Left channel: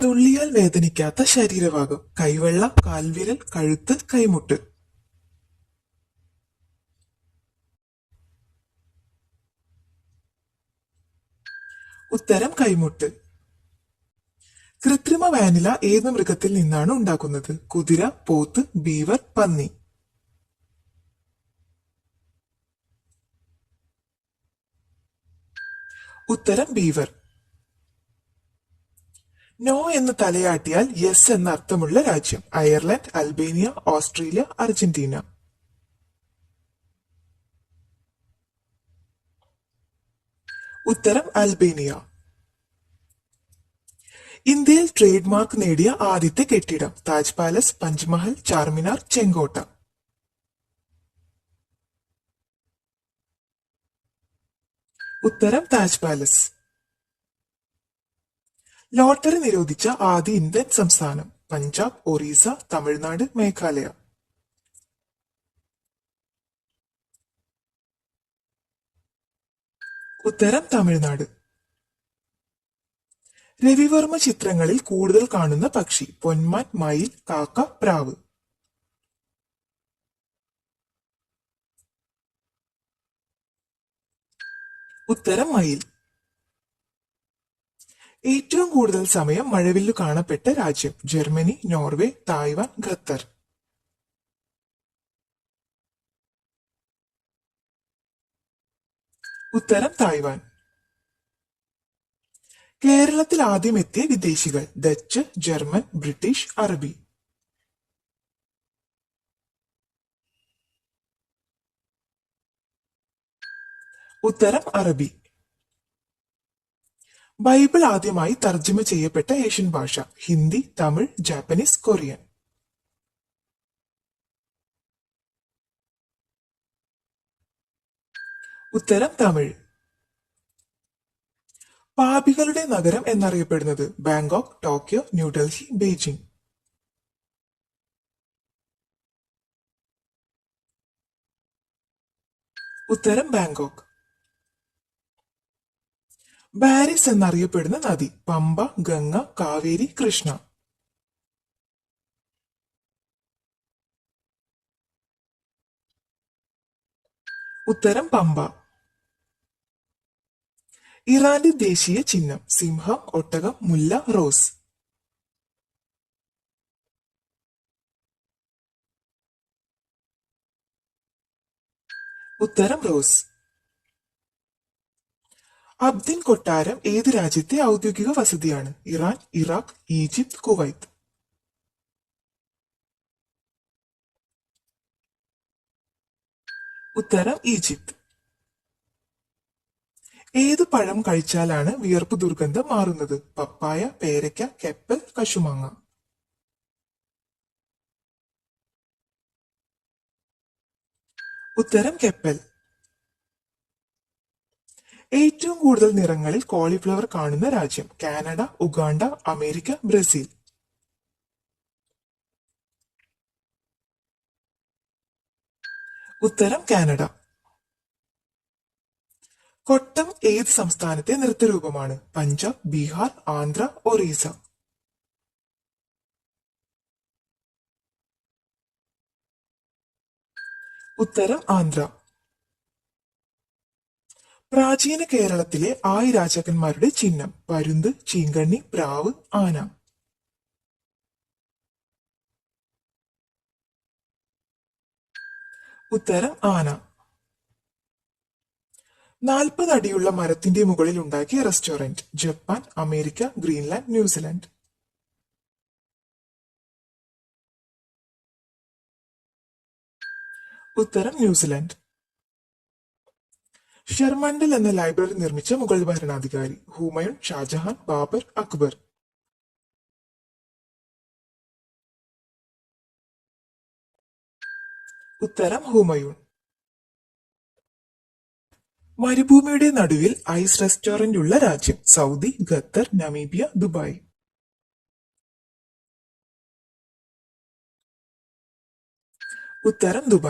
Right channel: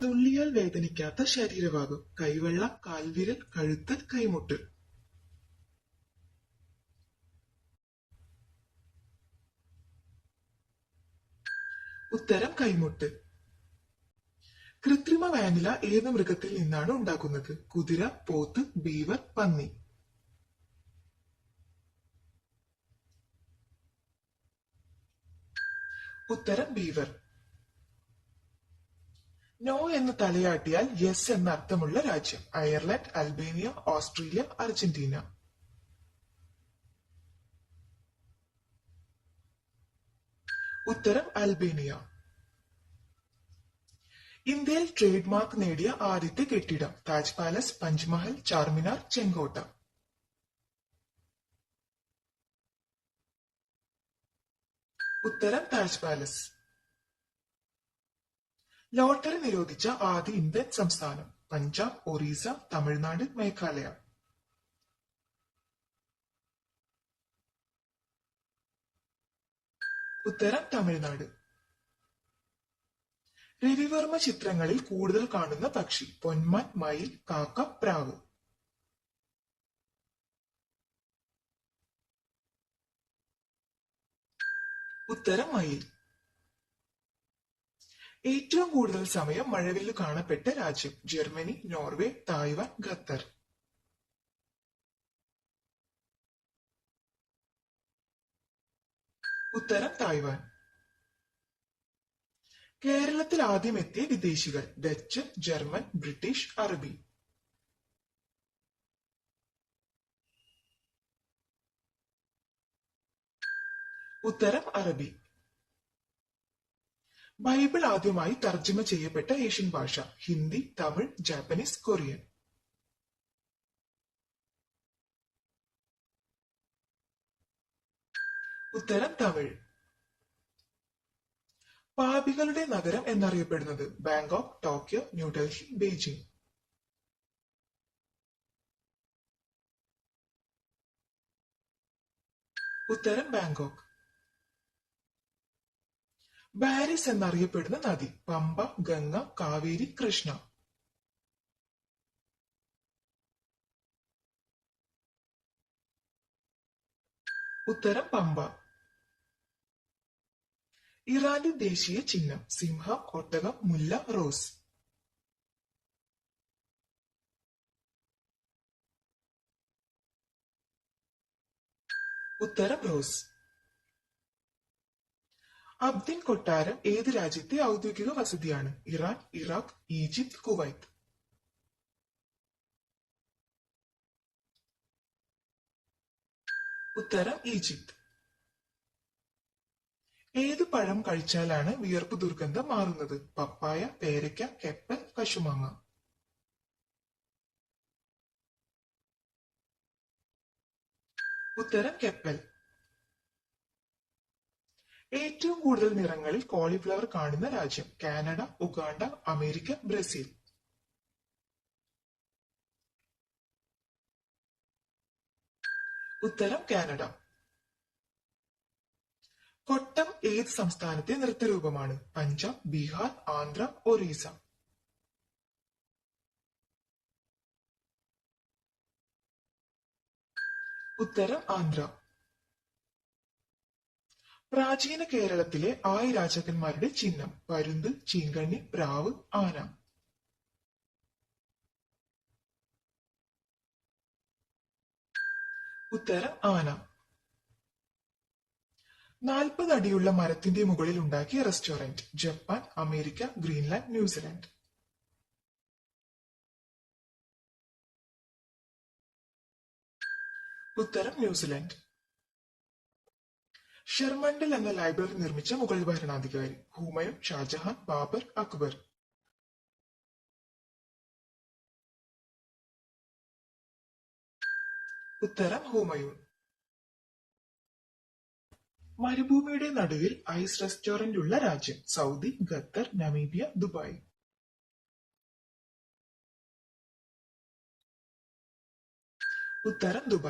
തുള്ളിയാൽ വേദനിക്കാത്ത ശരീരഭാഗം: കൈവെള്ള, കാൽവിരൽ, കഴുത്ത്, കൈമുട്ട്. ഉത്തരം കൈമുട്ട്. കൃത്രിമ വാനില ഏത് മൃഗത്തിൽ നിന്നാണ് ഉണ്ടാക്കുന്നത്? കുതിര, പോത്ത്, ബീവർ, പന്നി. ഉത്തരം ബീവർ. നോ എന്ന് തലയാട്ടിയാൽ യെസ് എന്ന അർത്ഥമുള്ള രാജ്യം: അയർലൻഡ്, അൽബേനിയ, ഓസ്ട്രേലിയ, അർജന്റീന. ഉത്തരം അൽബേനിയ. ഇന്ത്യയിൽ ട്രേഡ് മാർക്ക് നേടിയ ആദ്യത്തെ കെട്ടിടം: താജ് പാലസ്, പഞ്ച്മഹൽ, ചാർമിനാർ, ചെങ്കോട്ട. ഉത്തരം താജ് പാലസ്. ലോട്ടറി നിരോധിച്ച ആദ്യ ഇന്ത്യൻ സംസ്ഥാനം: പഞ്ചാബ്, ഒറീസ, തമിഴ്നാട്, മേഘാലയ. ഉത്തരം തമിഴ്നാട്. രവിവർമ്മ ചിത്രങ്ങളിൽ കൂടുതൽ കാണുന്ന പക്ഷി: പൊന്മാൻ, മയിൽ, കാക്ക, പ്രാവ്. ഉത്തരം മയിൽ. ഏറ്റവും കൂടുതൽ സമയം മഴവില്ലു കാണപ്പെട്ട രാജ്യം: ജർമ്മനി, നോർവേ, തായ്വാൻ, ഖത്തർ. ഉത്തരം തായ്വാൻ. കേരളത്തിൽ ആദ്യം എത്തിയ വിദേശികൾ: ഡച്ച്, ജർമ്മൻ, ബ്രിട്ടീഷ്, അറബി. ഉത്തരം അറബി. ബൈബിൾ ആദ്യമായി തർജ്ജമ ചെയ്യപ്പെട്ട ഏഷ്യൻ ഭാഷ: ഹിന്ദി, തമിഴ്, ജാപ്പനീസ്, കൊറിയൻ. ഉത്തരം തമിഴ്. പാപികളുടെ നഗരം എന്നറിയപ്പെടുന്നത്: ബാങ്കോക്ക്, ടോക്കിയോ, ന്യൂഡൽഹി, ബെയ്ജിംഗ്. ഉത്തരം ബാങ്കോക്ക്. ബാരിസ് എന്നറിയപ്പെടുന്ന നദി: പമ്പ, ഗംഗ, കാവേരി, കൃഷ്ണ. ഉത്തരം പമ്പ. ഇറാന്റെ ദേശീയ ചിഹ്നം: സിംഹം, ഒട്ടകം, മുല്ല, റോസ്. ഉത്തരം റോസ്. അബ്ദിൻ കൊട്ടാരം ഏത് രാജ്യത്തെ ഔദ്യോഗിക വസതിയാണ്? Iran, Iraq, Egypt, Kuwait. ഉത്തരം ഈജിപ്ത്. ഏത് പഴം കഴിച്ചാലാണ് വിയർപ്പ് ദുർഗന്ധം മാറുന്നത്? പപ്പായ, പേരയ്ക്ക, കെപ്പൽ, കശുമാങ്ങ. ഉത്തരം കെപ്പൽ. ഏറ്റവും കൂടുതൽ നിറങ്ങളിൽ കോളിഫ്ലവർ കാണുന്ന രാജ്യം: കാനഡ, ഉഗാണ്ട, അമേരിക്ക, ബ്രസീൽ. ഉത്തരം കാനഡ. കൊട്ടം ഏത് സംസ്ഥാനത്തെ നൃത്തരൂപമാണ്? പഞ്ചാബ്, ബീഹാർ, ആന്ധ്ര, ഒറീസ. ഉത്തരം ആന്ധ്ര. പ്രാചീന കേരളത്തിലെ 6 രാജാക്കന്മാരുടെ ചിഹ്നം: പരുന്ത്, ചീങ്കണ്ണി, പ്രാവ്, ആന. ഉത്തരം ആന. 40 അടിയുള്ള മരത്തിന്റെ മുകളിൽ ഉണ്ടാക്കിയ restaurant: Japan, America, Greenland, New Zealand. ഉത്തരം ന്യൂസിലാൻഡ്. ഷെർമണ്ടൽ എന്ന ലൈബ്രറി നിർമ്മിച്ച മുഗൾ ഭരണാധികാരി: ഹുമയൂൺ, ഷാജഹാൻ, ബാബർ, അക്ബർ. ഉത്തരം ഹുമയൂൺ. മരുഭൂമിയുടെ നടുവിൽ ഐസ് റെസ്റ്റോറന്റ് ഉള്ള രാജ്യം: സൗദി, ഖത്തർ, നമീബിയ, ദുബായ്. ഉത്തരം ദുബായ്.